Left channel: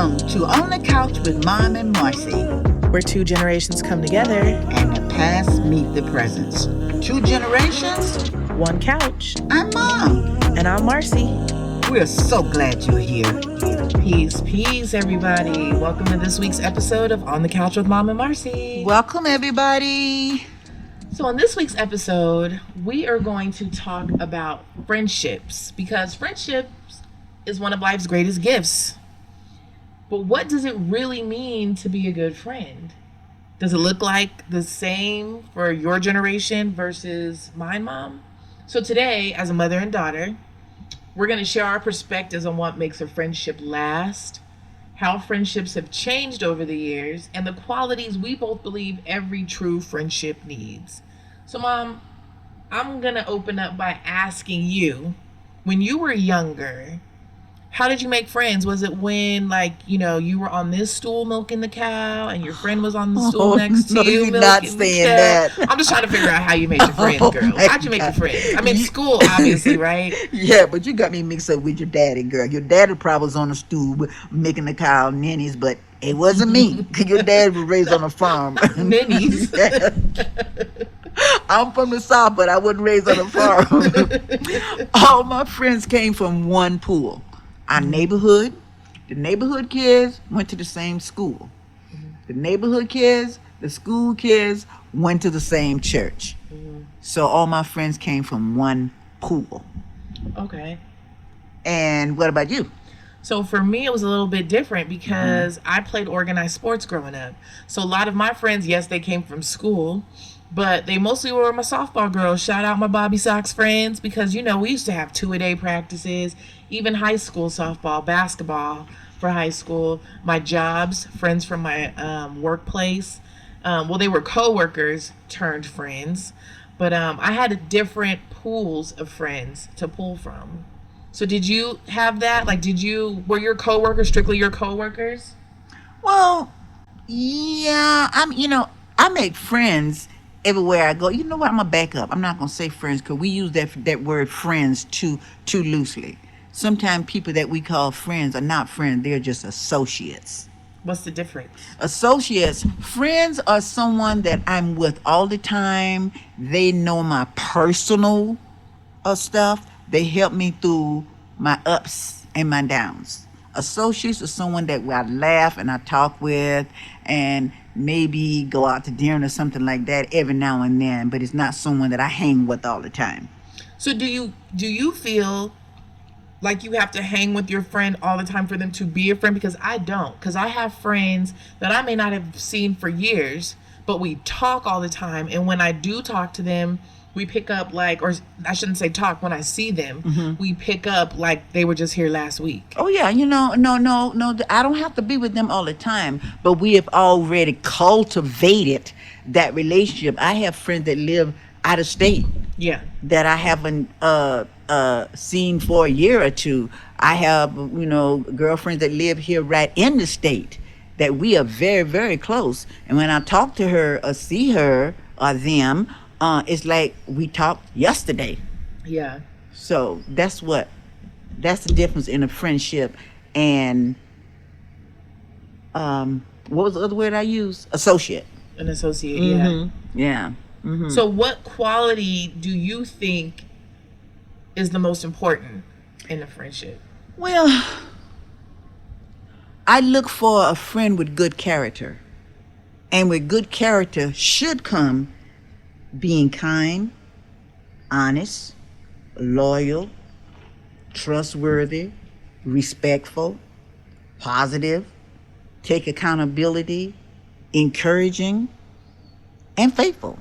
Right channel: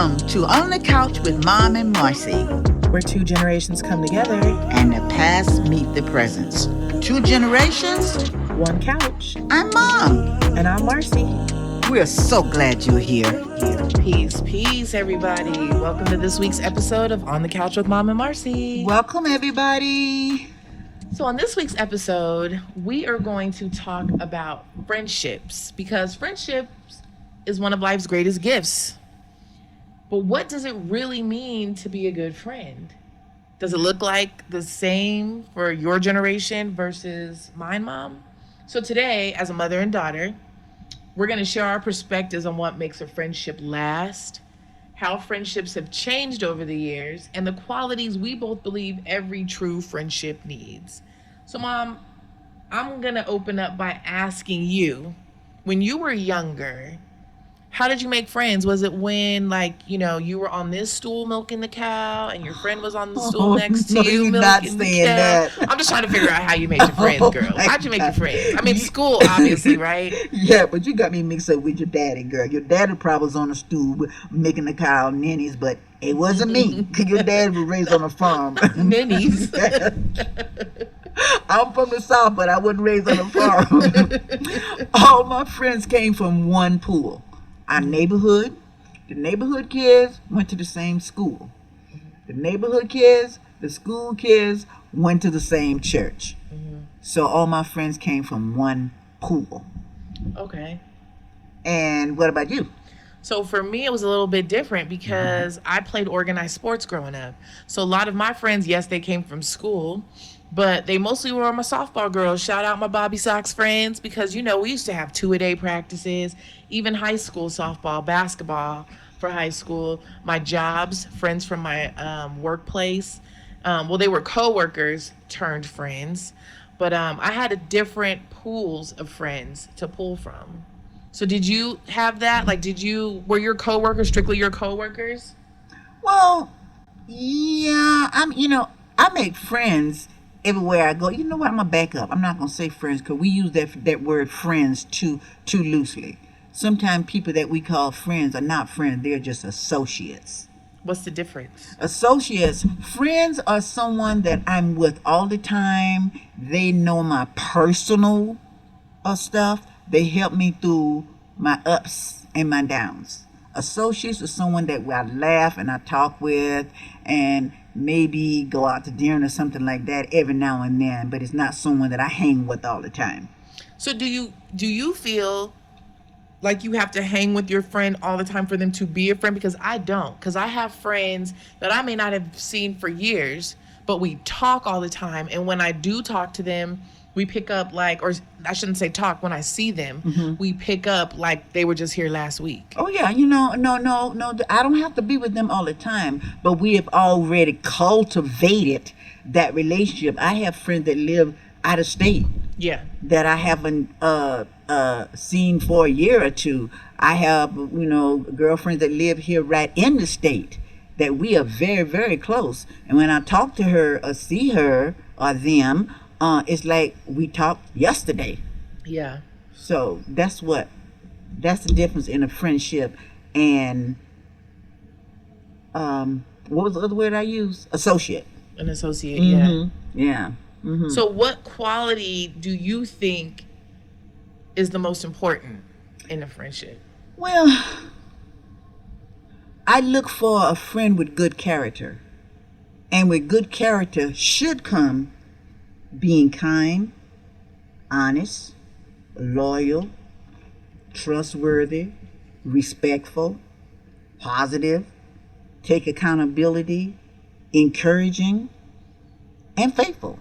Welcome to On the Couch with Mom and Marcy, where two generations come together and the past meet the present. Two generations, one couch. I'm Mom. And I'm Marcy. We're so glad you're here. Peace, everybody. Welcome to this week's episode of On the Couch with Mom and Marcy. Welcome, everybody. So on this week's episode, we are going to talk about friendships, because friendships is one of life's greatest gifts. But what does it really mean to be a good friend? Does it look like the same for your generation versus mine, Mom? So today, as a mother and daughter, we're going to share our perspectives on what makes a friendship last, how friendships have changed over the years, and the qualities we both believe every true friendship needs. So, Mom, I'm going to open up by asking you, when you were younger, how did you make friends? Was it when, you were on this stool milking the cow and your friend was on the stool next to you you're milking not the saying cow? that. I'm just trying to figure out how you made your friends, girl. How'd you make your friends? I mean, school, obviously, right? Yeah, but you got me mixed up with your daddy, girl. Your daddy probably was on the stool making the cow ninnies, but it wasn't me. Your dad was raised on a farm. Ninnies. I'm from the South, but I wasn't raised on a farm. All my friends came from one pool. Our neighborhood, the neighborhood kids went to the same school. The neighborhood kids, the school kids went to the same church. So all my friends came from one pool. Okay. And what about you? So for me, it was a little bit different because I played organized sports growing up. So a lot of my friends, yes, they came from school, but they mostly were my softball girls. Shout out my Bobby Sox friends, because, we used to have 2-a-day practices, even high school softball, basketball for high school. My jobs, friends from my workplace. They were co-workers turned friends, but I had different pools of friends to pull from. So did you have that? Were your co-workers strictly your co-workers? Well, yeah, I make friends everywhere I go. You know what? I'm gonna back up. I'm not gonna say friends, because we use that word friends too loosely. Sometimes people that we call friends are not friends; they're just associates. What's the difference? Associates, friends are someone that I'm with all the time. They know my personal stuff. They help me through my ups and my downs. Associates are someone that I laugh and I talk with, and maybe go out to dinner or something like that every now and then, but it's not someone that I hang with all the time. So do you feel like you have to hang with your friend all the time for them to be a friend? Because I don't. Because I have friends that I may not have seen for years, but we talk all the time. And when I do talk to them, we pick up or I shouldn't say talk, when I see them, we pick up like they were just here last week. Oh yeah, no, I don't have to be with them all the time, but we have already cultivated that relationship. I have friends that live out of state. Yeah. That I haven't seen for a year or two. I have, girlfriends that live here right in the state that we are very, very close. And when I talk to her or see her or them, it's like we talked yesterday. Yeah. So that's the difference in a friendship and what was the other word I used? Associate. An associate, yeah. Yeah. So what quality do you think is the most important in a friendship? Well, I look for a friend with good character. And with good character should come being kind, honest, loyal, trustworthy, respectful, positive, take accountability, encouraging, and faithful.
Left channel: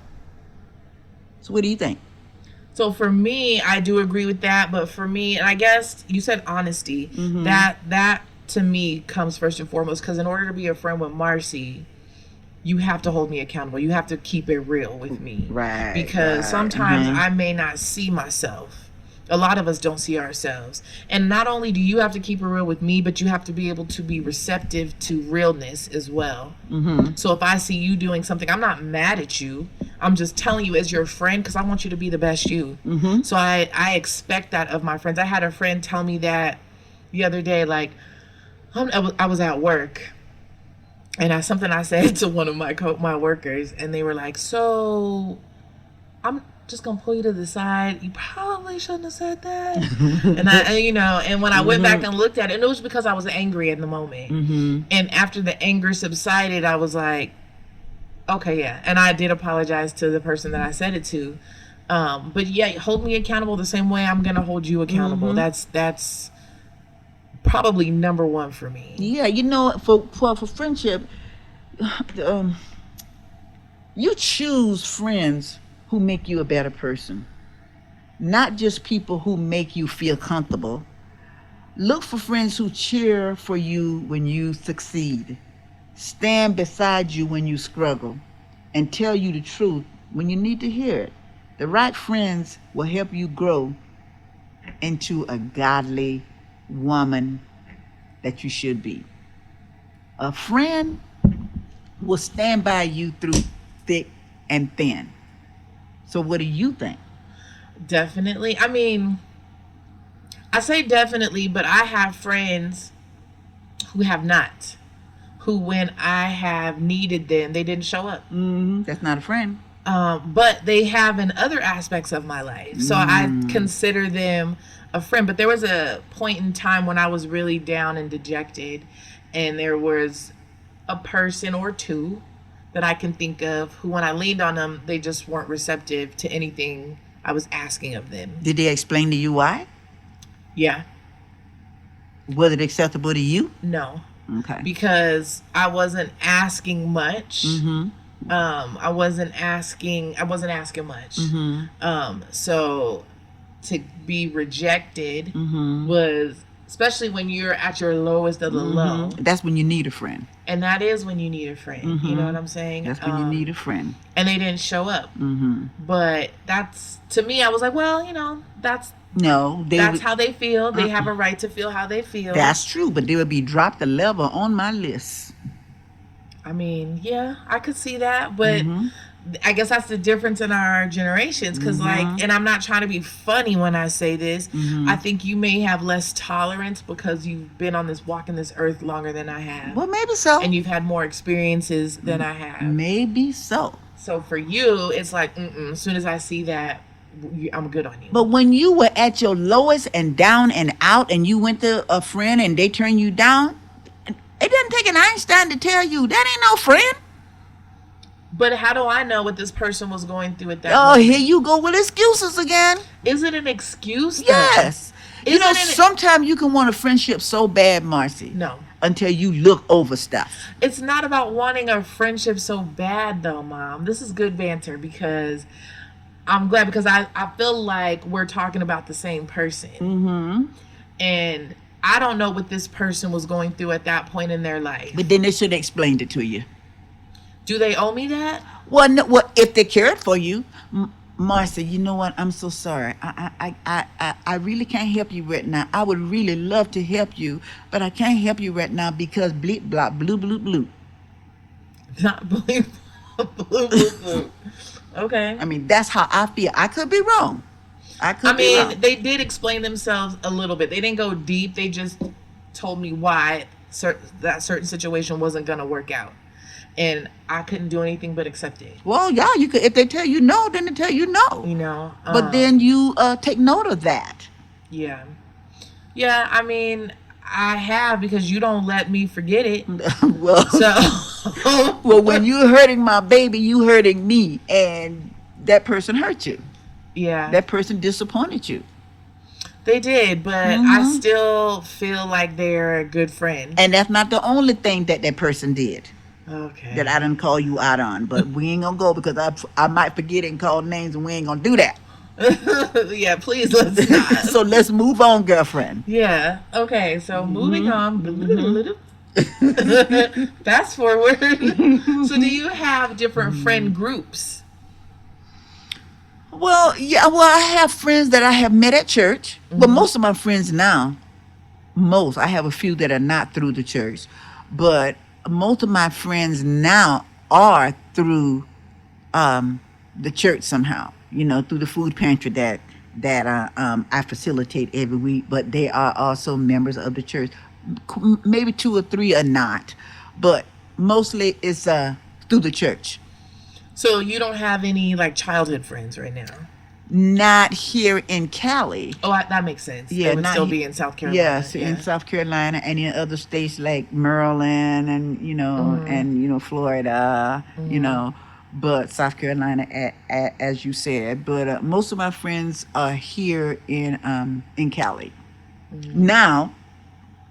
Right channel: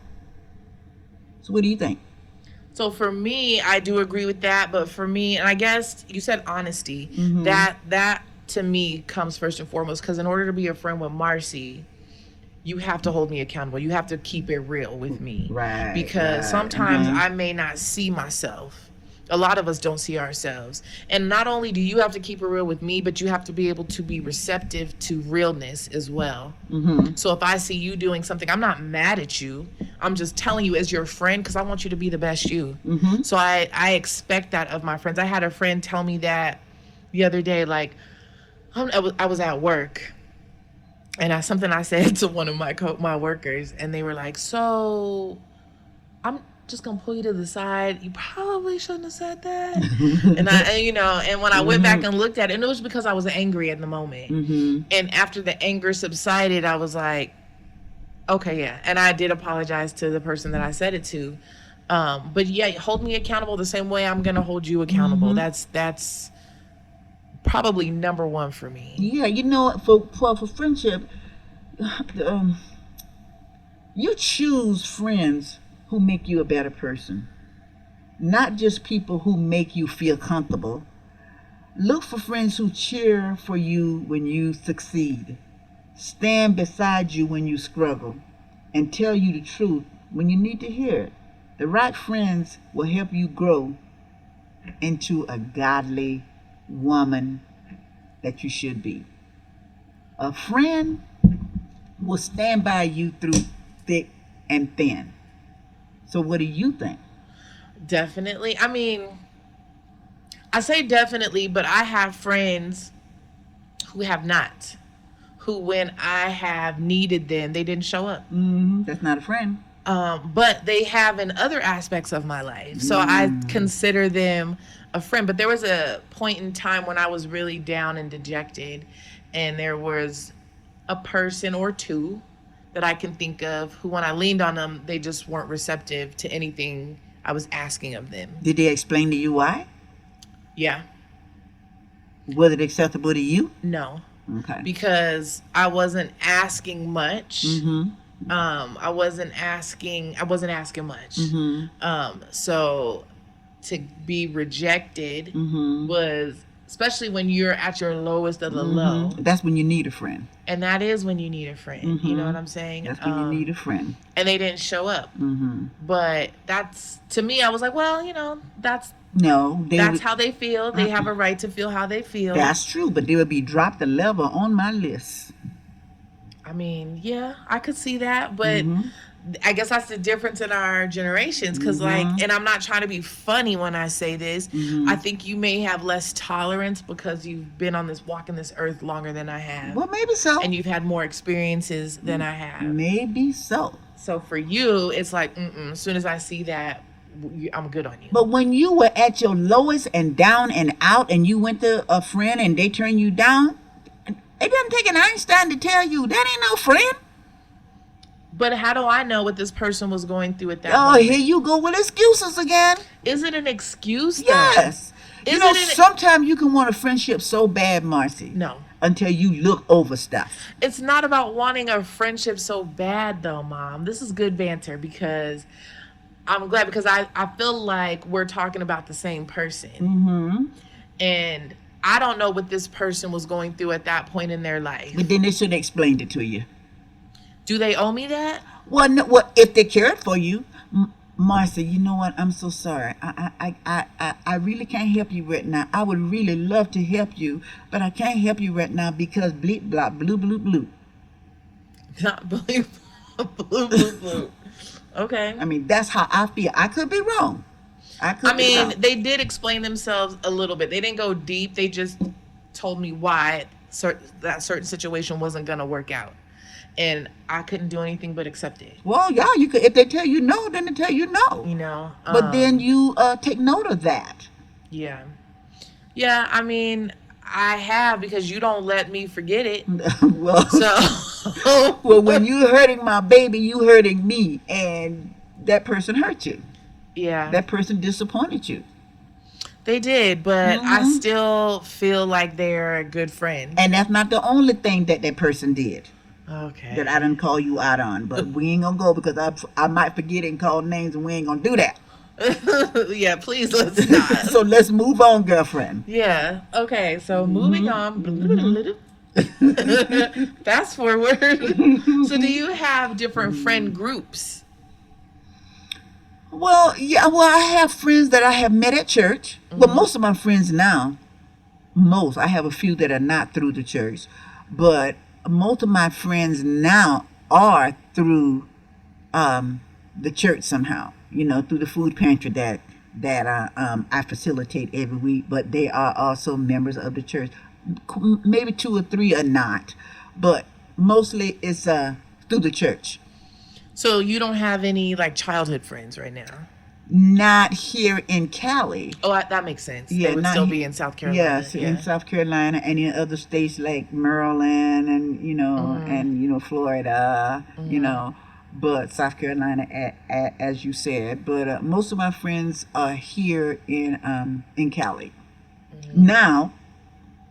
So what do you think? So for me, I do agree with that. But for me, and I guess you said honesty, that to me comes first and foremost, because in order to be a friend with Marcy, you have to hold me accountable. You have to keep it real with me. Right. Because sometimes I may not see myself. A lot of us don't see ourselves. And not only do you have to keep it real with me, but you have to be able to be receptive to realness as well. So if I see you doing something, I'm not mad at you. I'm just telling you as your friend, because I want you to be the best you. So I expect that of my friends. I had a friend tell me that the other day, I was at work, and something I said to one of my workers, and they were like, "So I'm just gonna pull you to the side. You probably shouldn't have said that." And and when I went back and looked at it, and it was because I was angry in the moment. And after the anger subsided, I was like, "Okay, yeah." And I did apologize to the person that I said it to. But yeah, hold me accountable the same way I'm gonna hold you accountable. That's probably number one for me. Yeah, for friendship, um, you choose friends who make you a better person, not just people who make you feel comfortable. Look for friends who cheer for you when you succeed, stand beside you when you struggle, and tell you the truth when you need to hear it. The right friends will help you grow into a godly woman that you should be. A friend will stand by you through thick and thin. So what do you think? Definitely. I mean, I say definitely, but I have friends who have not. Who, when I have needed them, they didn't show up. That's not a friend. But they have in other aspects of my life. So I consider them a friend. But there was a point in time when I was really down and dejected, and there was a person or two that I can think of who, when I leaned on them, they just weren't receptive to anything I was asking of them. Did they explain to you why? Yeah. Was it acceptable to you? No. Okay. Because I wasn't asking much. Mm-hmm. I wasn't asking much. Mm-hmm. So to be rejected Mm-hmm. was, especially when you're at your lowest of the low. That's when you need a friend. And that is when you need a friend. You know what I'm saying? That's when you need a friend. And they didn't show up. Mm-hmm. But that's, to me, I was like, well, that's how they feel. They have a right to feel how they feel. That's true, but they would be dropped a level on my list. I mean, yeah, I could see that, but I guess that's the difference in our generations. Because, and I'm not trying to be funny when I say this, I think you may have less tolerance because you've been on walking this earth longer than I have. Well, maybe so. And you've had more experiences than I have. Maybe so. So for you, it's like, as soon as I see that, I'm good on you. But when you were at your lowest and down and out, and you went to a friend and they turned you down, it doesn't take an Einstein to tell you that ain't no friend. But how do I know what this person was going through at that moment? Here you go with excuses again. Is it an excuse? Yes. Sometimes you can want a friendship so bad, Marcy. No. Until you look over stuff. It's not about wanting a friendship so bad, though, Mom. This is good banter because I'm glad, because I feel like we're talking about the same person. Mm-hmm. And I don't know what this person was going through at that point in their life. But then they should have explained it to you. Do they owe me that? Well, if they cared for you, Marcy, you know what? I'm so sorry. I really can't help you right now. I would really love to help you, but I can't help you right now because bleep, blop, blue, blue, blue. Not bleep, blue, blue, blue. Okay. I mean, that's how I feel. I could be wrong. They did explain themselves a little bit. They didn't go deep. They just told me why that certain situation wasn't going to work out. And I couldn't do anything but accept it. Well, yeah, you could. If they tell you no, then they tell you no. But then you take note of that. Yeah. Yeah, I mean, I have, because you don't let me forget it. Well, when you're hurting my baby, you hurting me, and that person hurt you. Yeah. That person disappointed you. They did, but I still feel like they're a good friend. And that's not the only thing that person did. Okay. That I didn't call you out on, but we ain't gonna go because I might forget and call names, and we ain't gonna do that. Yeah, please, let's not. So let's move on, girlfriend. Yeah. Okay. So moving on. Fast forward. So, do you have different friend groups? Well, yeah. Well, I have friends that I have met at church, but most of my friends now, I have a few that are not through the church, but most of my friends now are through the church somehow, through the food pantry that I facilitate every week, but they are also members of the church. Maybe 2 or 3 are not, but mostly it's through the church. So you don't have any like childhood friends right now? Not here in Cali. Oh, that makes sense. They Yeah, would not still here. be in South Carolina. Yes, in Yeah. South Carolina and in other states like Maryland and Mhm. Florida, Mhm. but South Carolina, as you said. But most of my friends are here in Cali. Mhm. Now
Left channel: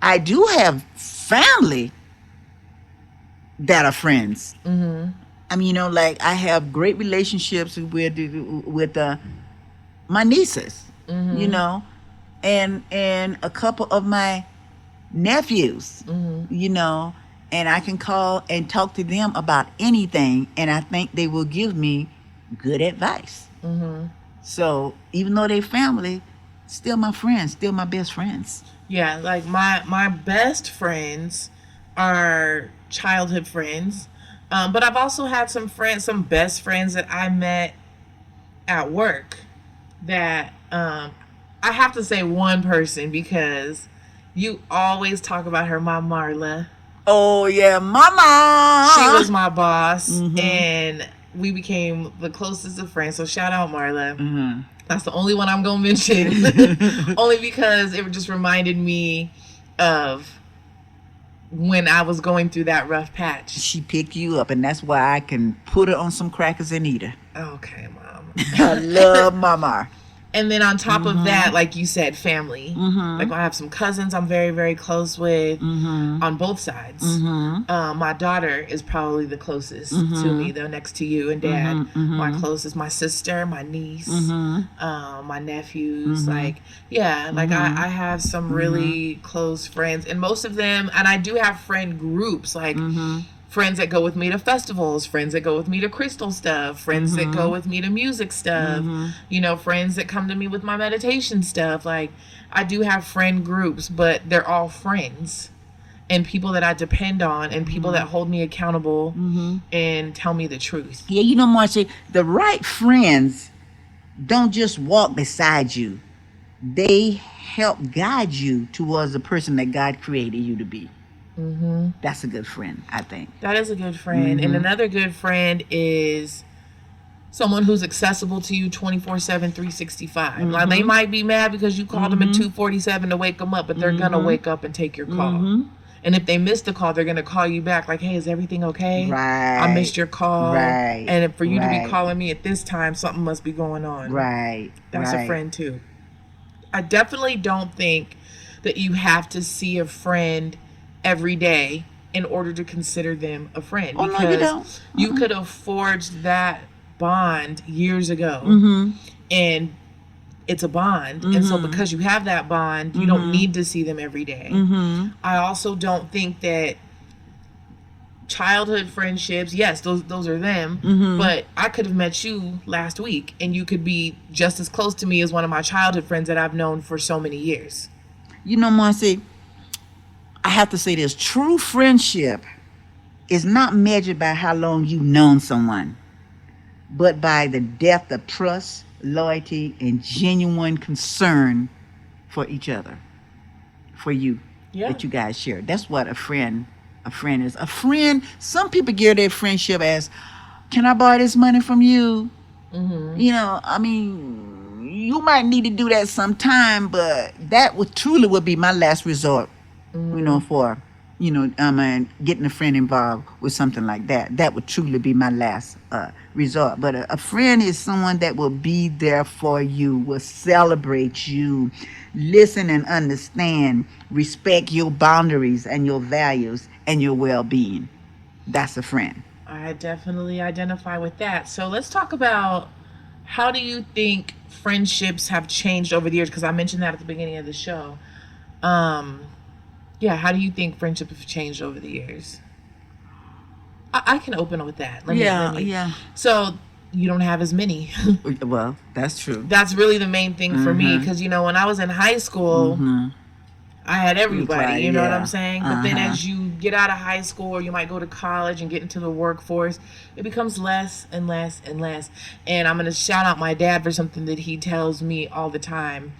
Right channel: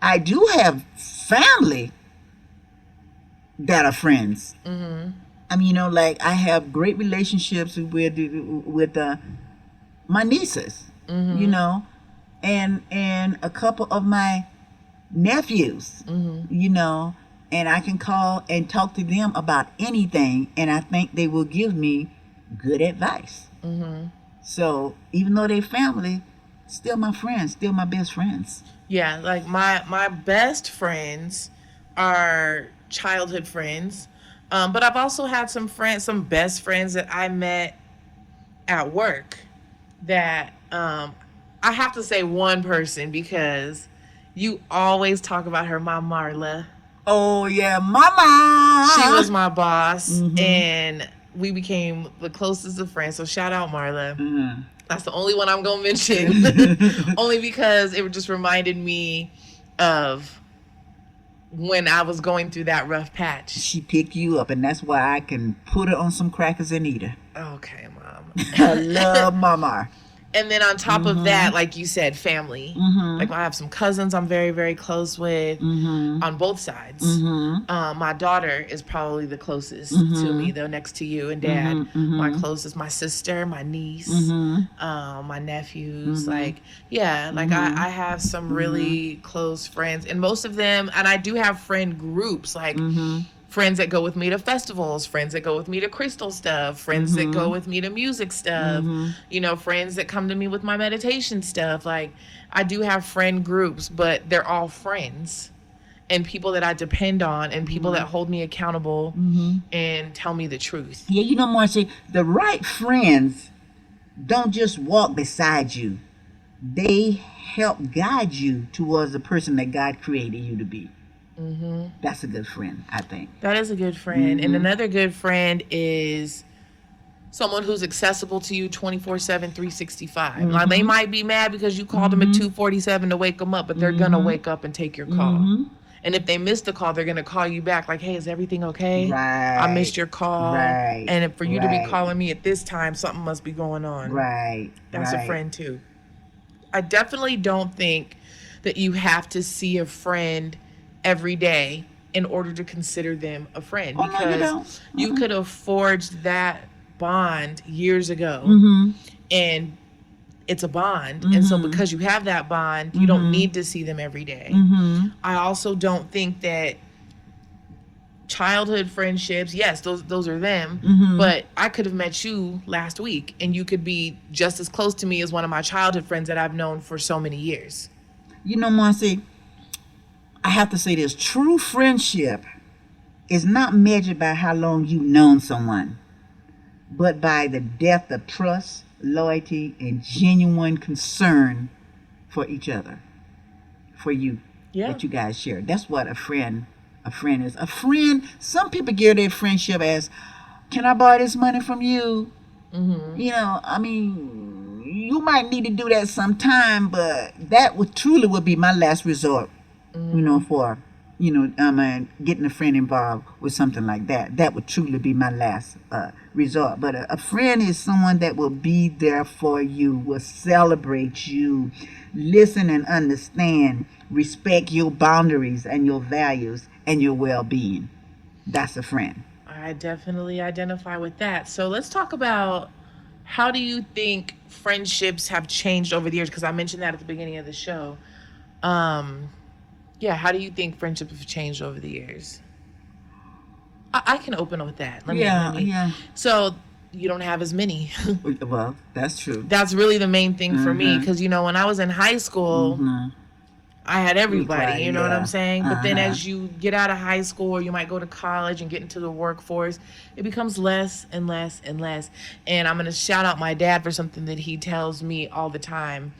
I do have family that are friends. Mhm. I mean, like I have great relationships with my nieces, you Mhm. know, and a couple of my nephews, Mhm. you know, and I can call and talk to them about anything, and I think they will give me good advice. Mhm. So even though they family, still my friends, still my best friends. Yeah, like my best friends are childhood friends. But I've also had some friends, some best friends that I met at work that I have to say one person because you always talk about her, my Marla. Oh yeah, She mama. was my boss Mhm. and we became the closest of friends. So shout out Marla. Mhm. That's the only one I'm gonna mention. Only because it just reminded me of when I was going through that rough patch. She picked you up, and that's why I can put her on some crackers and eat her. Okay, I mom. love mama. And then on top of Mhm. that, like you said, family. Like Mhm. I have some cousins I'm very, very close with Mhm. on both sides. Mhm. My daughter is probably the closest to me, Mhm. though, next to you and dad. Mhm. My Mhm. closest, my sister, my niece, Mhm. my nephews. Mhm. Like, yeah, like Mhm. I have some Mhm. really close friends, and most of them, and I do have friend groups, like Mhm. friends that go with me to festivals, friends that go with me to crystal stuff, friends that go Mhm. with me to music stuff, Mhm. friends that come to me with my meditation stuff. Like, I do have friend groups, but they're all friends and people that I depend on and people that Mhm. hold me accountable Mhm. and tell me the truth. Yeah, Marcy, the right friends don't just walk beside you. They help guide you towards the person that God created you to be. Mm-hmm. That's a good friend, I think. That is a good friend. And Mm-hmm. another good friend is someone who's accessible to you 24/7, 365. Now, they Mm-hmm. might be mad because you called them at Mm-hmm. 2:47 to wake them up, but they're going to Mm-hmm. wake up and take your call. Mm-hmm. And if they missed the call, they're going to call you back like, hey, is everything okay? I Right. missed your call. Right. And for you to be Right. calling me at this time, something must be going on. Right. That's a Right. friend too. I definitely don't think that you have to see a friend every day in order to consider them a friend Oh no, you because don't. you could have forged that bond years ago Mm-hmm. and it's a bond. And so Mm-hmm. because you have that bond, you don't Mm-hmm. need to see them every day. Mm-hmm. I also don't think that childhood friendships, yes, those are them, Mm-hmm. but I could have met you last week and you could be just as close to me as one of my childhood friends that I've known for so many years. Marcy, I have to say this: true friendship is not measured by how long you've known someone, but by the depth of trust, loyalty, and genuine concern for each other, for you, Yeah. that you guys share. That's what a friend is. A friend, some people gear their friendship as, can I borrow this money from you? Mm-hmm. I mean, you might need to do that sometime, but that would be my last resort, Mm-hmm. for, getting a friend involved with something like that. That would truly be my last resort. But a friend is someone that will be there for you, will celebrate you, listen and understand, respect your boundaries and your values and your well being. That's a friend. I definitely identify with that. So let's talk about how do you think friendships have changed over the years? Because I mentioned that at the beginning of the show. Um, yeah, how do you think friendships have changed over the years? I can open with that. Let Yeah, me. yeah. So you don't have as many. Well, that's true. That's really the main thing for me Mm-hmm. because when I was in high school, Mm-hmm. I had everybody, Right, you know what I'm yeah. saying? But then Uh-huh. as you get out of high school or you might go to college and get into the workforce, it becomes less and less and less. And I'm going to shout out my dad for something that he tells me all the time.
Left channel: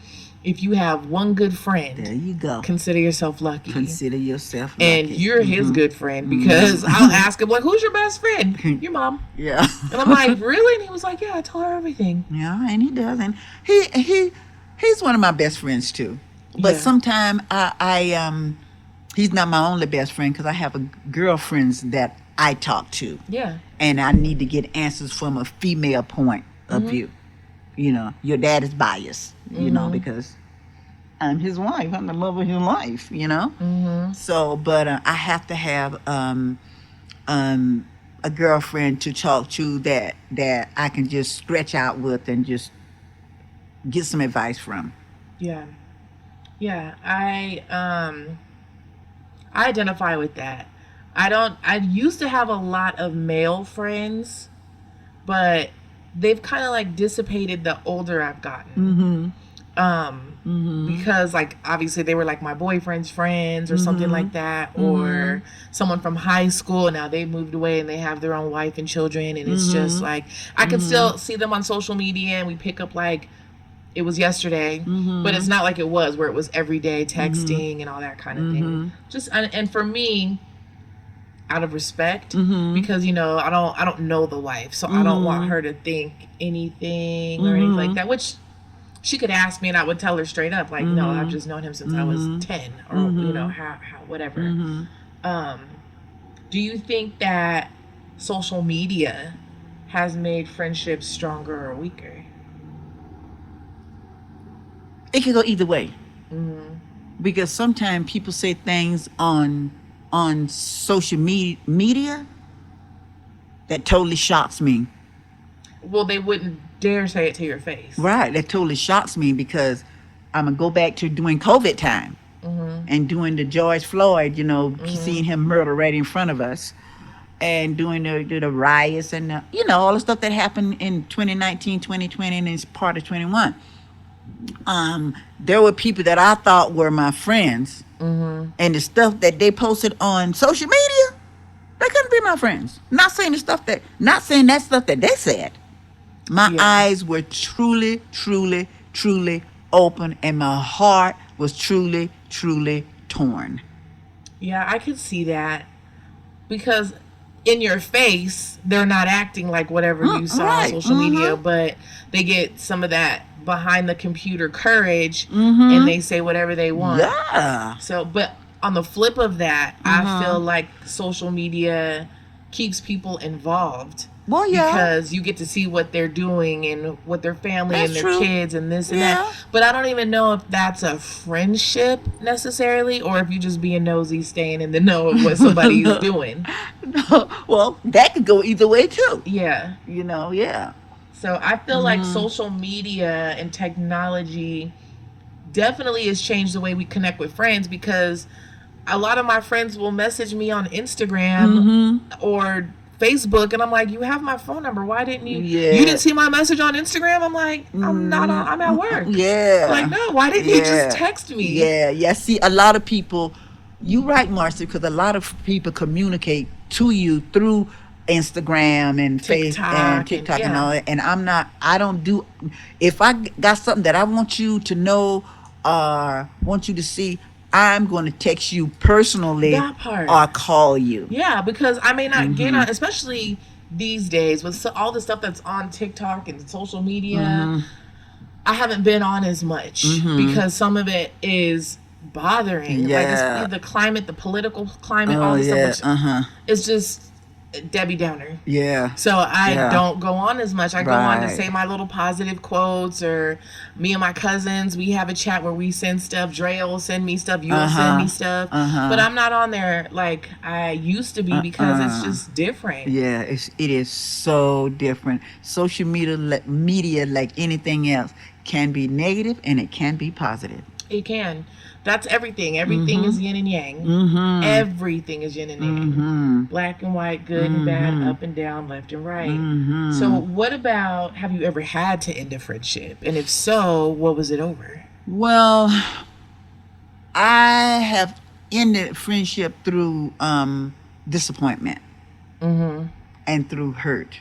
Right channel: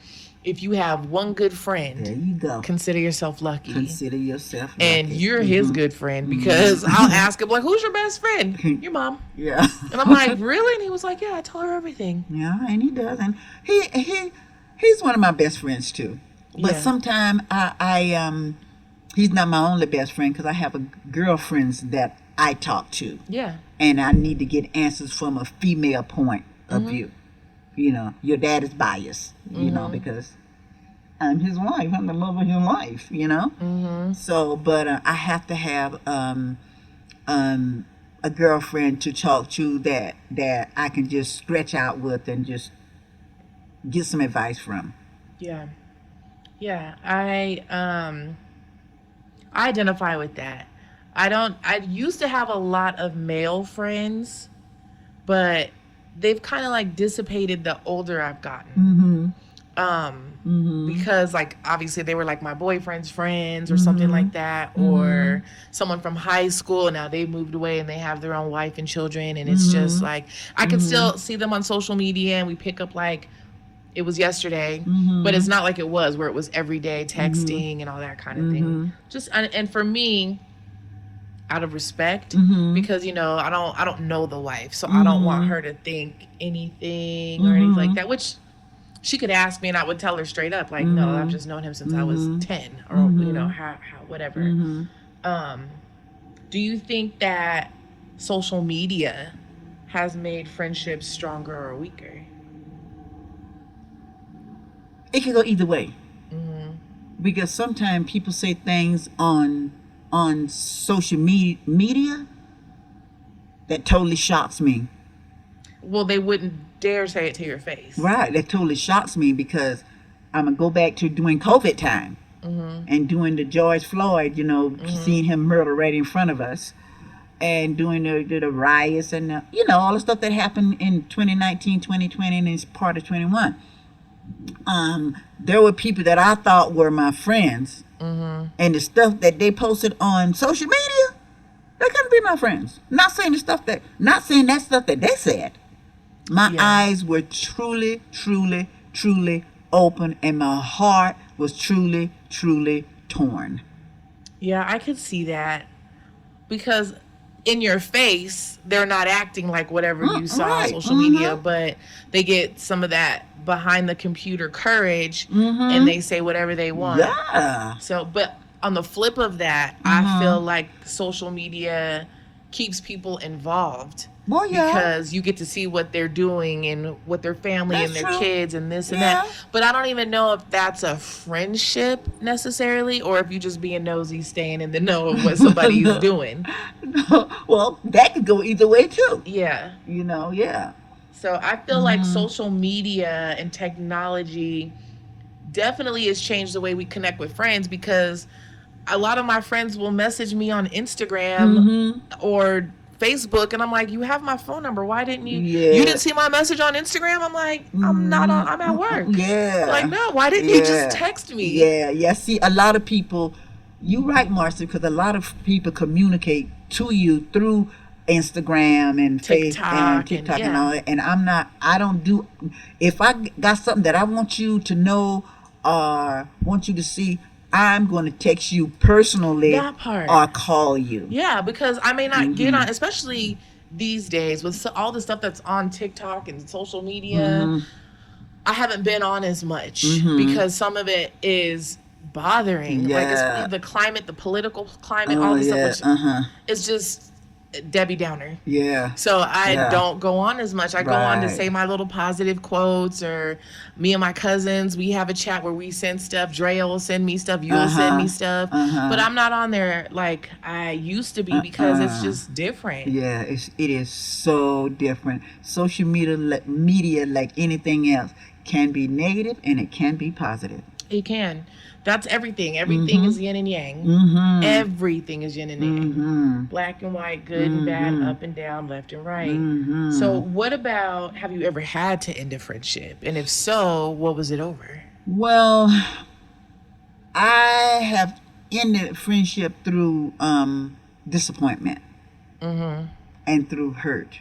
If you have one good There friend, you go. consider yourself lucky. Consider yourself And lucky. you're his good friend, because I'll ask him, like, who's your best friend? Your mom. Yeah. And I'm like, really? And he was like, yeah, I tell her everything. Yeah, and he does, and he's one of my best friends too. But Yeah. sometimes he's not my only best friend, because I have girlfriends that I talk to, Yeah. and I need to get answers from a female point of Mhm. view. You know, your dad is biased, you know, Mhm. because I'm his wife. I'm the love of his life, you know. Mhm. So, but I have to have a girlfriend to talk to, that I can just stretch out with and just get some advice from. Yeah. Yeah. I identify with that. I used to have a lot of male friends, but they've kind of like dissipated the older I've gotten. Mm-hmm. Um, Mm-hmm. because like obviously they were like my boyfriend's friends or something Mm-hmm. like that, Mm-hmm. or someone from high school, and now they moved away and they have their own wife and children, and it's just Mm-hmm. like I can Mm-hmm. still see them on social media and we pick up like it was yesterday, but Mm-hmm. it's not like it was where it was every day Mm-hmm. texting and all that kind of thing. Mm-hmm. Just and for me, out of respect, Mm-hmm. because I don't know the wife, so I don't want Mm-hmm. her to think anything or anything like Mm-hmm. that, which she could ask me and I would tell her straight up, like, no, I've Mm-hmm. just known him since I was Mm-hmm. 10, or Mm-hmm. how whatever. Mm-hmm. um do you think that social media has made friendships stronger or weaker? It can go either way, Mm-hmm. because sometimes people say things on social media that totally shocks me. Well, they wouldn't dare say it to your face. Right, that totally shocks me, because I'm gonna go back to doing COVID time Mm-hmm. and doing the George Floyd, Mm-hmm. seeing him murdered right in front of us, and doing the riots, and all the stuff that happened in 2019, 2020, and it's part of 21. There were people that I thought were my friends, Mm-hmm. and the stuff that they posted on social media, they couldn't be my friends. Not saying that stuff that they said. My Yeah. eyes were truly, truly, truly open, and my heart was truly, truly torn. Yeah, I could see that, because in your face they're not acting like whatever you saw on Right. social media, Mm-hmm. but they get some of that behind the computer courage and Mm-hmm. they say whatever they want. Yeah. So, but on the flip of that, I Mm-hmm. feel like social media keeps people involved, Well, yeah. because you get to see what they're doing and what their family and That's their true. kids and this and that. Yeah. But I don't even know if that's a friendship necessarily, or if you just being nosy, staying in the know of what somebody is doing. Well, that could go either way too. Yeah. Yeah. So I feel like Mm-hmm. social media and technology definitely has changed the way we connect with friends, because a lot of my friends will message me on Instagram Mm-hmm. or Facebook, and I'm like, you have my phone number, why didn't you Yeah. didn't see my message on Instagram? I'm like, I'm at work. Like, Yeah. no, why didn't you just Yeah. text me? Yeah. See, a lot of people, you right, Marcy, because a lot of people communicate to you through Instagram and Face and TikTok, and TikTok and all yeah. that. And I don't do, if I got something that I want you to know or want you to see, I'm going to text you personally That part. or call you. Yeah, because I may not get Mm-hmm. on, especially these days with all the stuff that's on TikTok and social media. Mm-hmm. I haven't been on as much Mm-hmm. because some of it is bothering. Like Yeah. the climate, the political climate, all Oh, the stuff, yeah. which Uh-huh. is just Debbie Downer. Yeah. So I Yeah. don't go on as much. I go on to Right. say my little positive quotes, or me and my cousins, we have a chat where we send stuff. Drea will send me stuff. You'll send Uh-huh. me stuff. But Uh-huh. I'm not on there like I used to be, because it's Uh-uh. just different. Yeah, it is so different. Social media, like anything else, can be negative and it can be positive. It can. That's everything. Everything Mm-hmm. is yin and yang. Mm-hmm. Everything is yin and yang. Mm-hmm. Black and white, good and bad, Mm-hmm. up and down, left and right. Mm-hmm. So, what about, have you ever had to end a friendship? And if so, what was it over? Well, I have ended friendship through disappointment Mm-hmm. and through hurt.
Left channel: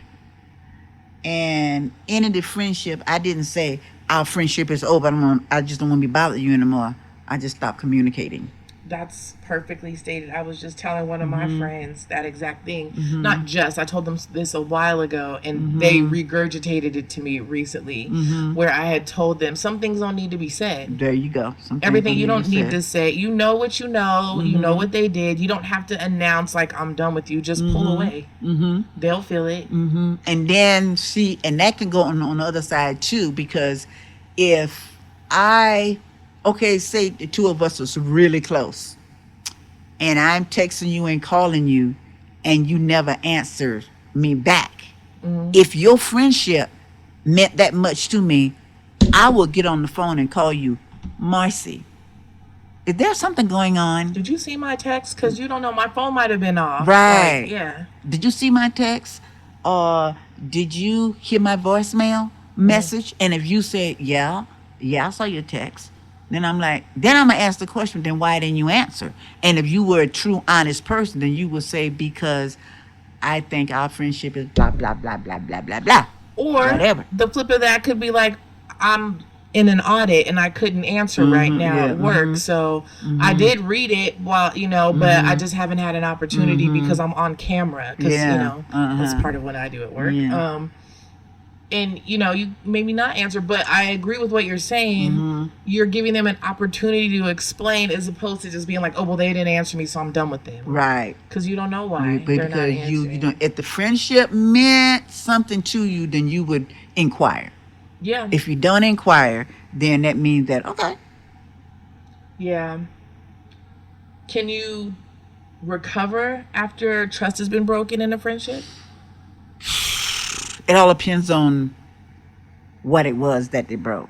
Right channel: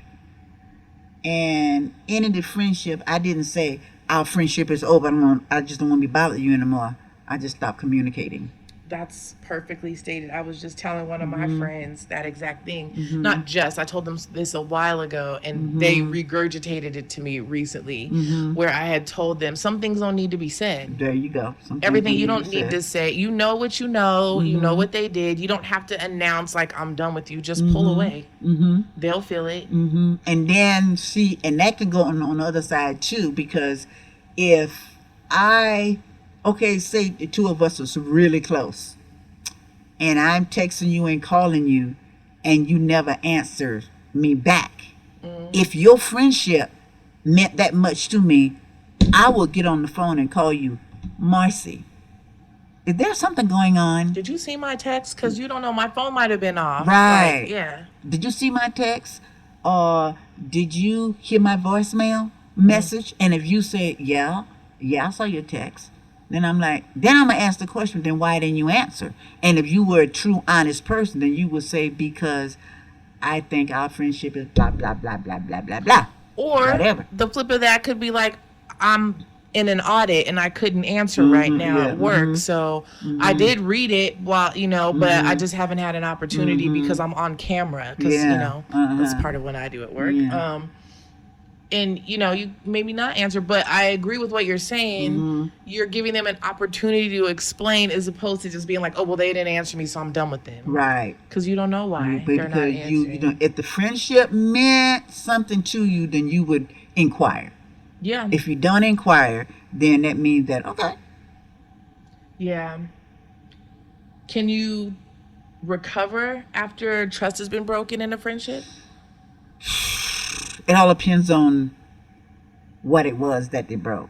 And ended the friendship, I didn't say our friendship is over. I just don't want to be bothering you anymore. I just stop communicating. That's perfectly stated. I was just telling one of my Mm-hmm. friends that exact thing. Mm-hmm. Not just, I told them this a while ago, and they Mm-hmm. regurgitated it to me recently, Mm-hmm. where I had told them some things don't need to be said. There you go. Some things Everything don't you need to be don't need said. to say. You know what you know Mm-hmm. what they did. You don't have to announce like I'm done with you. Just pull Mm-hmm. away. Mm-hmm. They'll feel it. Mm-hmm. And then see, and that can go on the other side too, because if I, okay, say the two of us was really close, and I'm texting you and calling you, and you never answer me back. Mm-hmm. If your friendship meant that much to me, I will get on the phone and call you, Marcy. Is there something going on? Did you see my text? Because you don't know, my phone might have been off. Right. Like, yeah. Did you see my text? Or did you hear my voicemail message? And if you said, yeah, I saw your text, then I'm gonna ask the question, then why didn't you answer? And if you were a true, honest person, then you would say, because I think our friendship is blah, blah, blah, blah, blah, blah, blah. Or Whatever. the flip of that could be like, I'm in an audit and I couldn't answer right Mm-hmm. now Yeah. at work. Mm-hmm. So Mm-hmm. I did read it while, but I Mm-hmm. just haven't had an opportunity Mm-hmm. because I'm on camera. Because, Yeah. that's Uh-huh. part of what I do at work. Yeah. And, you maybe not answer, but I agree with what you're saying. Mm-hmm. You're giving them an opportunity to explain as opposed to just being like, oh, well, they didn't answer me, so I'm done with them. Right. Because you don't know why But they're not because answering. you know, if the friendship meant something to you, then you would inquire. Yeah. If you don't inquire, then that means that, okay. Yeah. Can you recover after trust has been broken in a friendship? It all depends on what it was that they broke.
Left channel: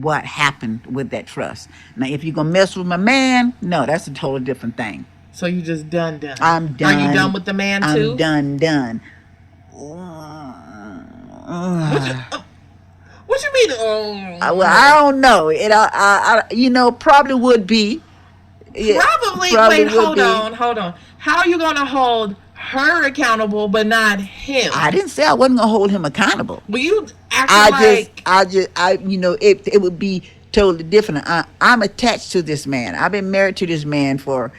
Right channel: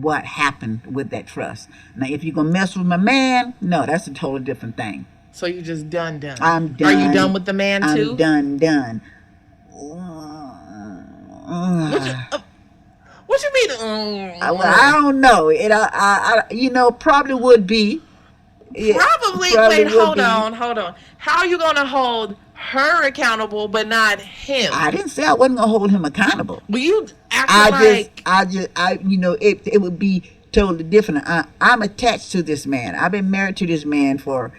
What happened with that trust. Now, if you're going to mess with my man, no, that's a totally different thing. So you just done. I'm done. Are you done with the man too? I'm done. What you mean? Well, I don't know. Probably would be. Probably. Wait, hold on. How are you gonna hold her accountable but not him? I didn't say I wasn't gonna hold him accountable. But you acting it would be totally different. I'm attached to this man. I've been married to this man for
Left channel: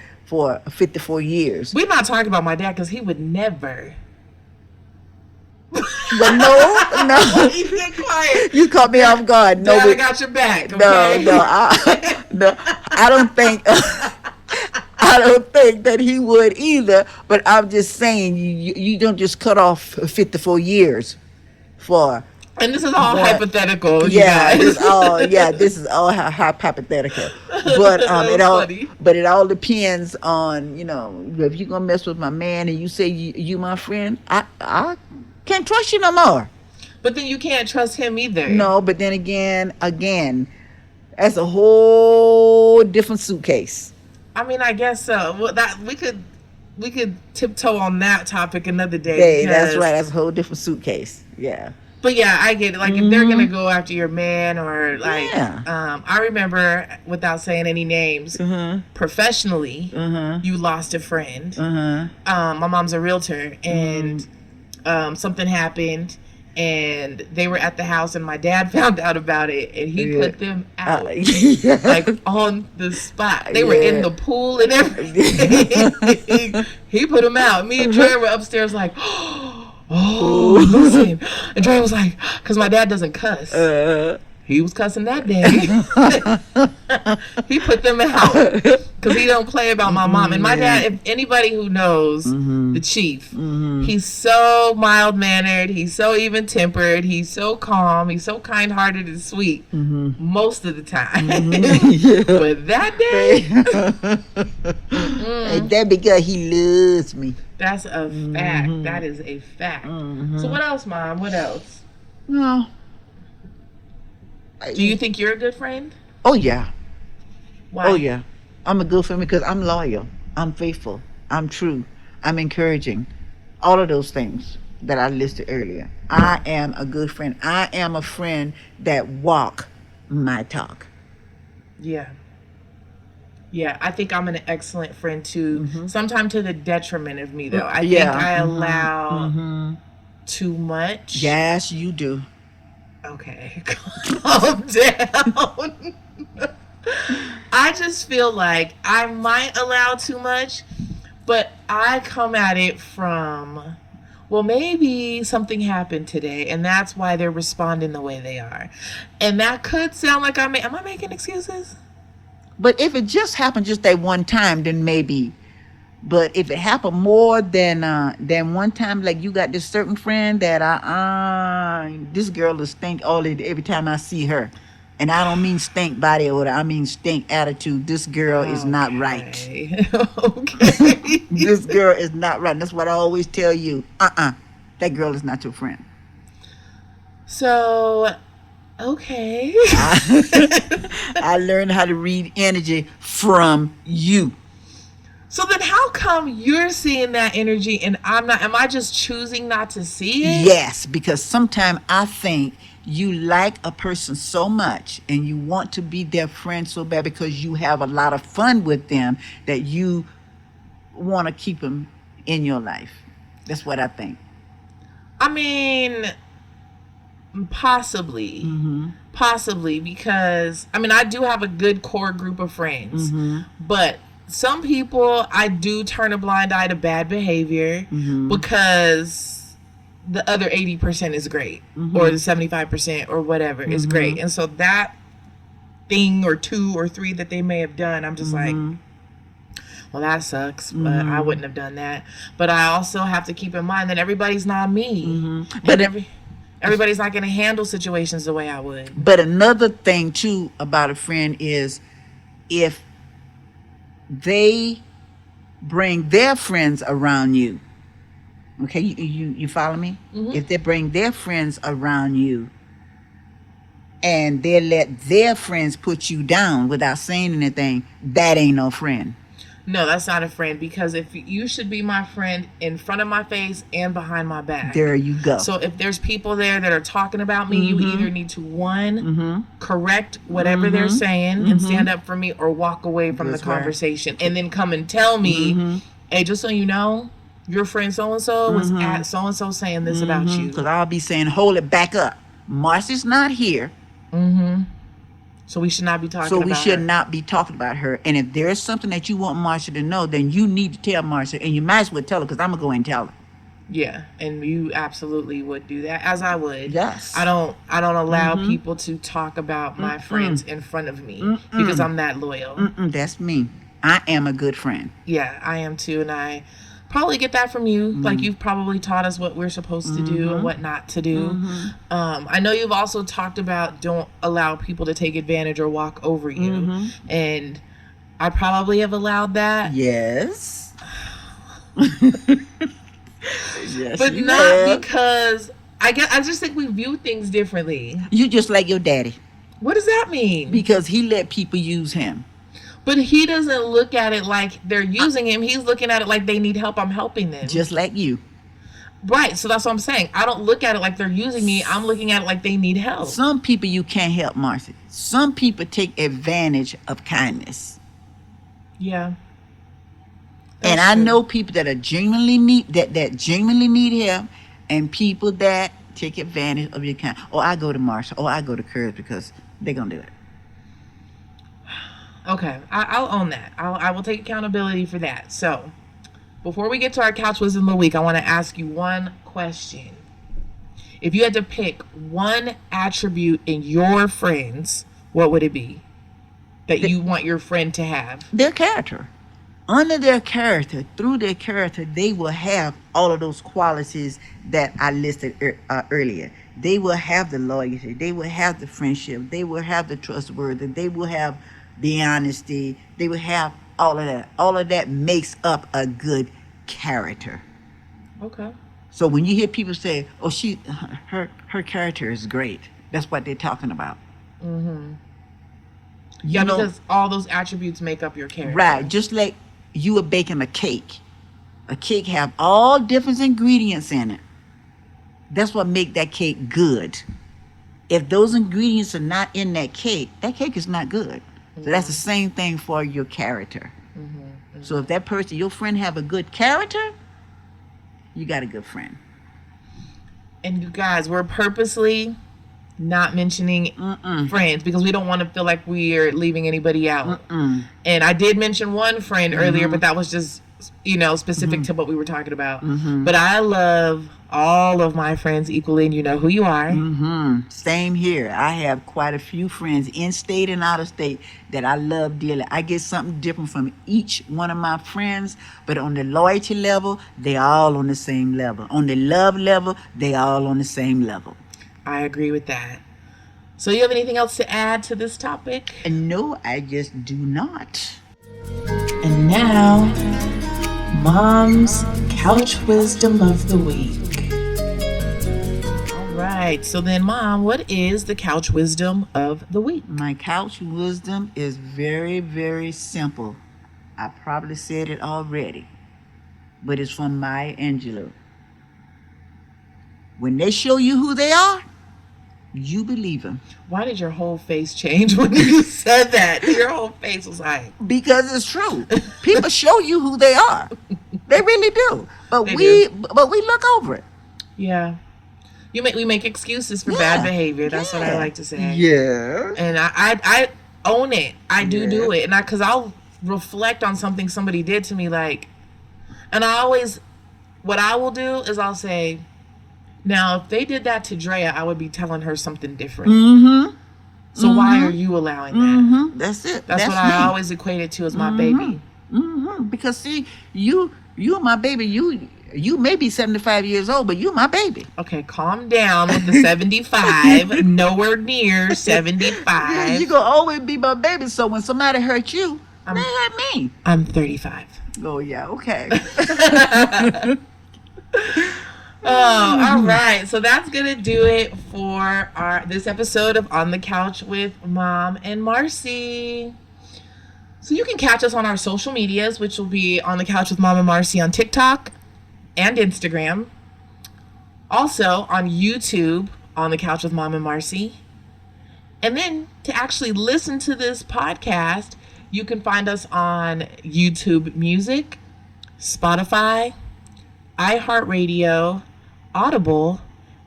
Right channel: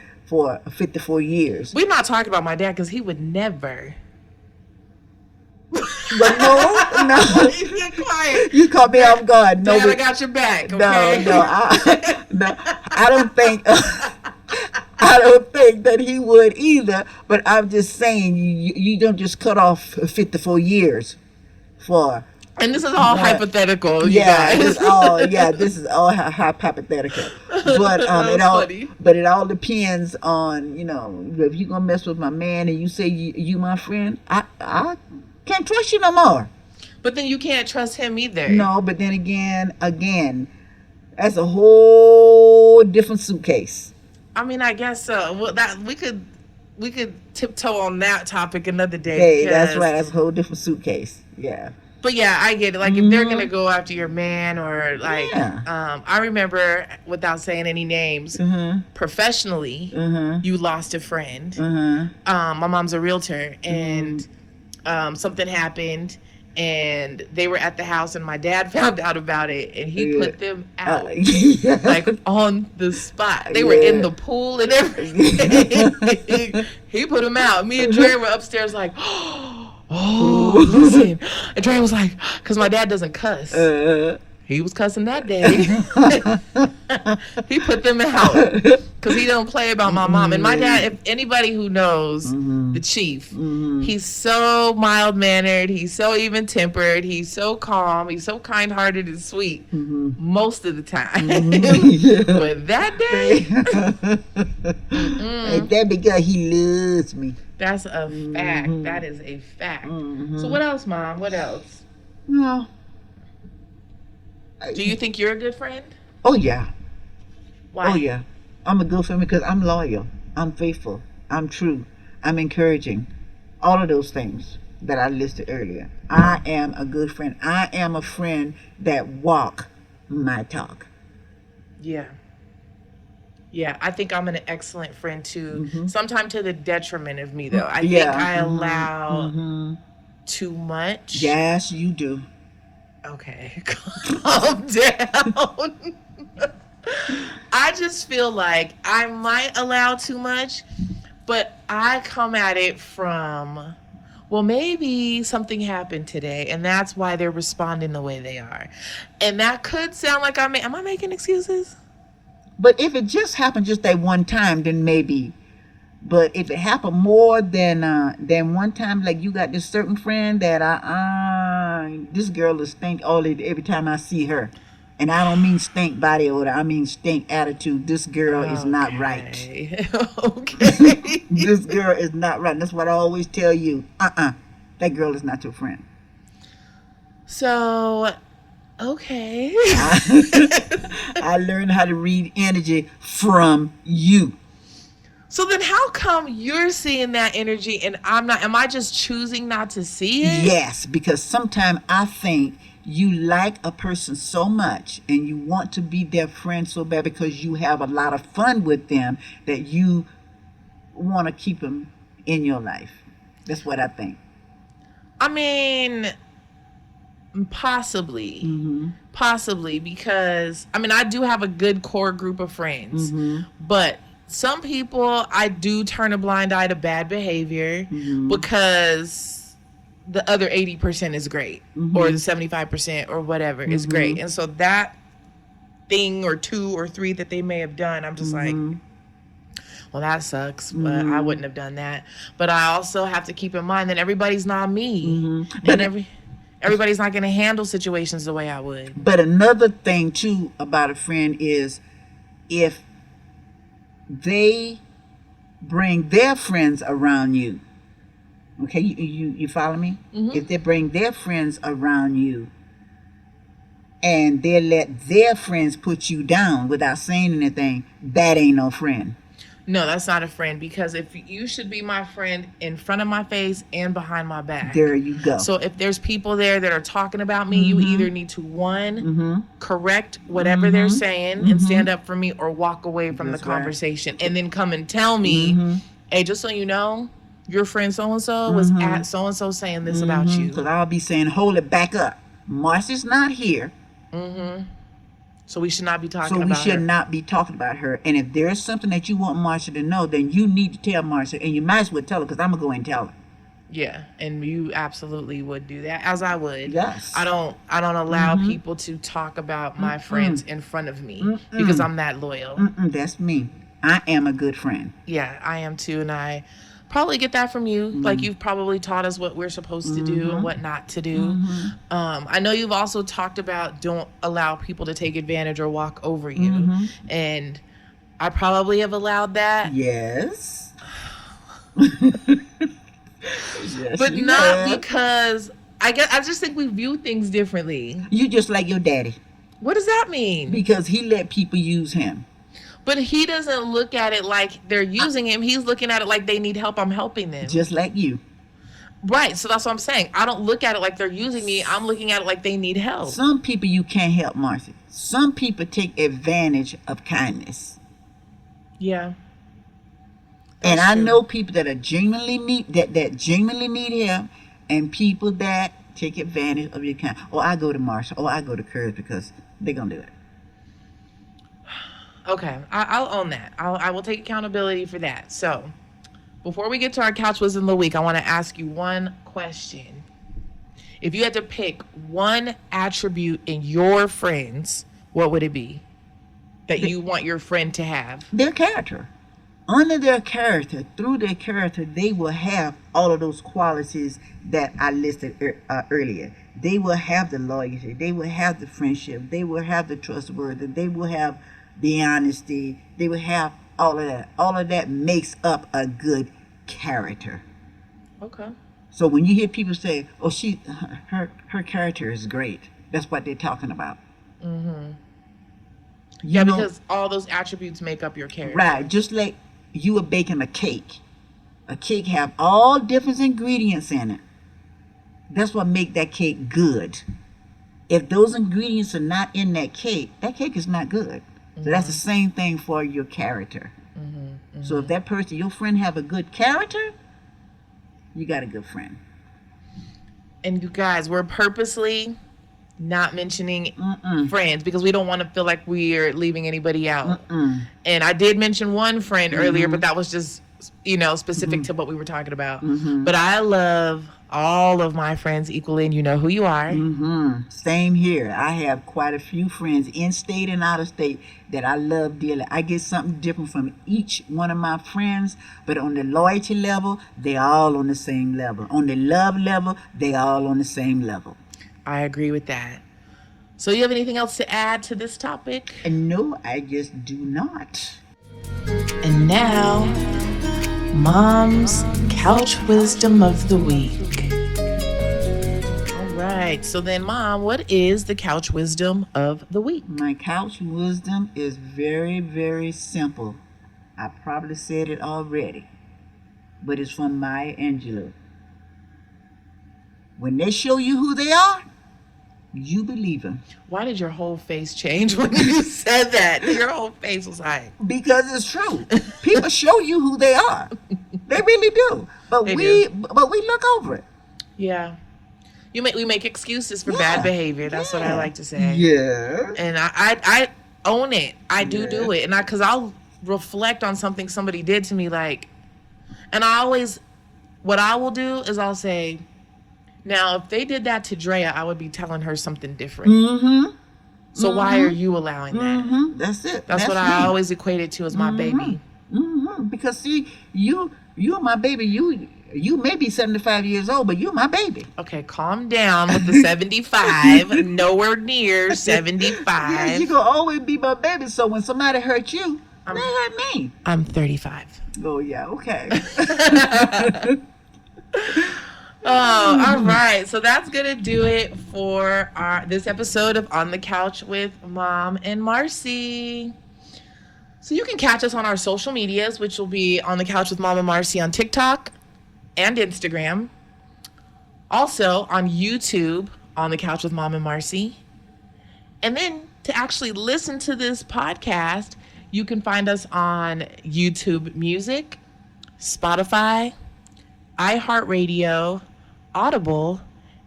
54 years. We're not talking about my dad because he would never. But no. You're quiet. You caught me off guard. No, Dad, I got your back. Okay? No, I don't think. I don't think that he would either. But I'm just saying, you don't just cut off 54 years for. And this is all hypothetical. Yeah, this is all hypothetical. But it all depends on, if you're gonna mess with my man and you say you my friend, I can't trust you no more. But then you can't trust him either. No, but then again, that's a whole different suitcase. I mean, I guess so. Well, that we could tiptoe on that topic another day. Hey, that's right. That's a whole different suitcase. Yeah. But yeah, I get it. Like, if they're gonna go after your man, or like, Yeah. I remember, without saying any names, professionally, you lost a friend. My mom's a realtor, and something happened, and they were at the house, and my dad found out about it, and he put them out, like on the spot. They were in the pool and everything. He put them out. Me and Dre were upstairs like, oh, listen. And Dre was like, because my dad doesn't cuss. He was cussing that day. He put them out because he don't play about my mom. And my dad, if anybody who knows the chief, he's so mild-mannered. He's so even-tempered. He's so calm. He's so kind-hearted and sweet most of the time. But that day, that because he loves me. That's a fact. That is a fact. So what else, Mom? What else? No. Do you think you're a good friend? Oh, yeah. Why? Oh, yeah. I'm a good friend because I'm loyal. I'm faithful. I'm true. I'm encouraging. All of those things that I listed earlier. I am a good friend. I am a friend that walk my talk. Yeah. Yeah, I think I'm an excellent friend too. Sometimes to the detriment of me, though. I think I allow too much. Yes, you do. Okay, calm down. I just feel like I might allow too much, but I come at it from, well, maybe something happened today, and that's why they're responding the way they are. And that could sound like am I making excuses? But if it just happened just that one time, then maybe. But if it happened more than one time, like you got this certain friend that this girl will stink all day every time I see her. And I don't mean stink body odor, I mean stink attitude. This girl is not right. Okay. Okay. This girl is not right. That's what I always tell you. That girl is not your friend. So, okay. I learned how to read energy from you. So then how come you're seeing that energy and I'm not? Am I just choosing not to see it? Yes, because sometimes I think you like a person so much and you want to be their friend so bad because you have a lot of fun with them that you want to keep them in your life. That's what I think. I mean, possibly. Possibly, because I do have a good core group of friends, but some people I do turn a blind eye to bad behavior because the other 80% is great, or the 75% or whatever is great. And so that thing or two or three that they may have done, I'm just like, well, that sucks, but I wouldn't have done that. But I also have to keep in mind that everybody's not me. But everybody's not going to handle situations the way I would. But another thing too about a friend is if they bring their friends around you. Okay, you follow me? If they bring their friends around you and they let their friends put you down without saying anything, that ain't no friend. No, that's not a friend, because if you should be my friend in front of my face and behind my back. There you go. So if there's people there that are talking about me, you either need to correct whatever they're saying and stand up for me, or walk away from the conversation and then come and tell me, hey, just so you know, your friend so-and-so was at so-and-so saying this about you. Because I'll be saying, hold it back up. Marcy's not here. So we should not be talking So about we should her. not be talking about her. And if there's something that you want Marcia to know, then you need to tell Marcia. And you might as well tell her, because I'm going to go and tell her. Yeah, and you absolutely would do that, as I would. Yes. I don't allow people to talk about my friends in front of me because I'm that loyal. That's me. I am a good friend. Yeah, I am too, and I probably get that from you. Like, you've probably taught us what we're supposed to do and what not to do. I know you've also talked about don't allow people to take advantage or walk over you, and I probably have allowed that. Yes. Yes, but you not have. because I just think we view things differently. You just like your daddy. What does that mean? Because he let people use him. But he doesn't look at it like they're using him. He's looking at it like they need help. I'm helping them. Just like you. Right. So that's what I'm saying. I don't look at it like they're using me. I'm looking at it like they need help. Some people you can't help, Marcy. Some people take advantage of kindness. Yeah. And I know people that are genuinely that genuinely need help, and people that take advantage of your kind. Oh, I go to Marcia. Oh, I go to Curtis because they're gonna do it. Okay, I'll own that. I will take accountability for that. So, before we get to our couch wisdom of the week, I want to ask you one question. If you had to pick one attribute in your friends, what would it be that you want your friend to have? Their character. Under their character, through their character, they will have all of those qualities that I listed earlier. They will have the loyalty. They will have the friendship. They will have the trustworthy. They will have the honesty. They will have all of that. All of that makes up a good character. Okay. So when you hear people say, "Oh, her character is great," that's what they're talking about. Yeah, because all those attributes make up your character. Right. Just like you are baking a cake. A cake have all different ingredients in it. That's what make that cake good. If those ingredients are not in that cake is not good. So that's the same thing for your character. So if that person, your friend, have a good character, you got a good friend. And you guys, we're purposely not mentioning Mm-mm. friends because we don't want to feel like we're leaving anybody out. Mm-mm. And I did mention one friend earlier, but that was just, specific to what we were talking about. But I love all of my friends equally, and you know who you are. Same here. I have quite a few friends in state and out of state that I love dearly. I get something different from each one of my friends, but on the loyalty level, they all on the same level. On the love level, they all on the same level. I agree with that. So you have anything else to add to this topic? And no, I just do not. And now, Mom's Couch Wisdom of the Week. All right, so then, Mom, what is the Couch Wisdom of the Week? My couch wisdom is very, very simple. I probably said it already, but it's from Maya Angelou. When they show you who they are, you believe them. Why did your whole face change when you said that? Your whole face was high. Because it's true. People show you who they are. They really do. But They we look over it. Yeah. We make excuses for bad behavior. That's what I like to say. Yeah. And I own it. I do it. And because I'll reflect on something somebody did to me, and what I will do is I'll say, now, if they did that to Drea, I would be telling her something different. So why are you allowing that? That's it. That's what I always equate it to as my baby. Because see, you my baby, you may be 75 years old, but you my baby. Okay, calm down with the 75. Nowhere near 75. You gonna always be my baby. So when somebody hurt you, they hurt me. I'm 35. Oh yeah, okay. Oh, all right. So that's gonna do it for this episode of On the Couch with Mom and Marcy. So you can catch us on our social medias, which will be On the Couch with Mom and Marcy on TikTok and Instagram. Also on YouTube, On the Couch with Mom and Marcy. And then to actually listen to this podcast, you can find us on YouTube Music, Spotify, iHeartRadio, Audible,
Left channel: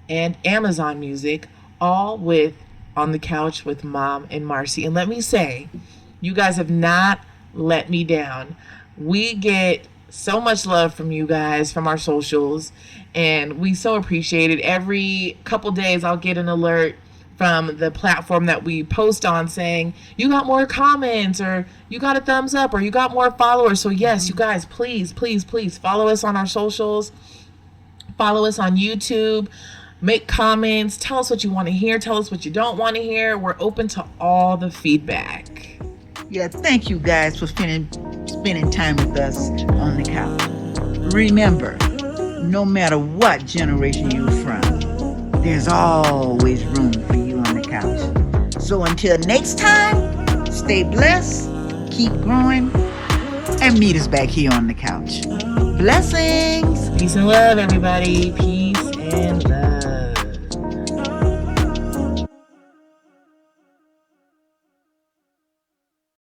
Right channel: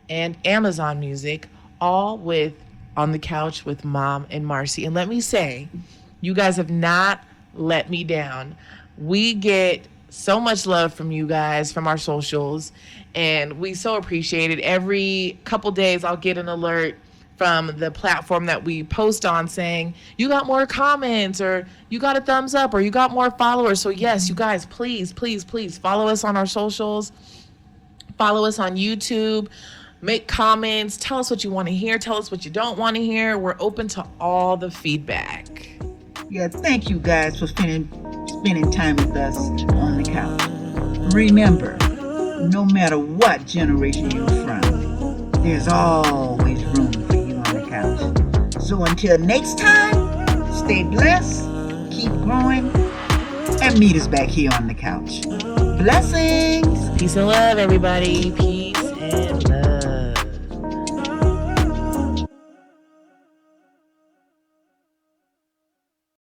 and Amazon Music, all with On the Couch with Mom and Marcy. And let me say, you guys have not let me down. We get so much love from you guys, from our socials, and we so appreciate it. Every couple days I'll get an alert from the platform that we post on saying, you got more comments, or you got a thumbs up, or you got more followers. So yes, you guys, please, please, please follow us on our socials. Follow us on YouTube. Make comments. Tell us what you want to hear. Tell us what you don't want to hear. We're open to all the feedback. Yeah, thank you guys for spending time with us on the couch. Remember, no matter what generation you're from, there's always room for you on the couch. So until next time, stay blessed, keep growing, and meet us back here on the couch. Blessings! Peace and love, everybody. Peace.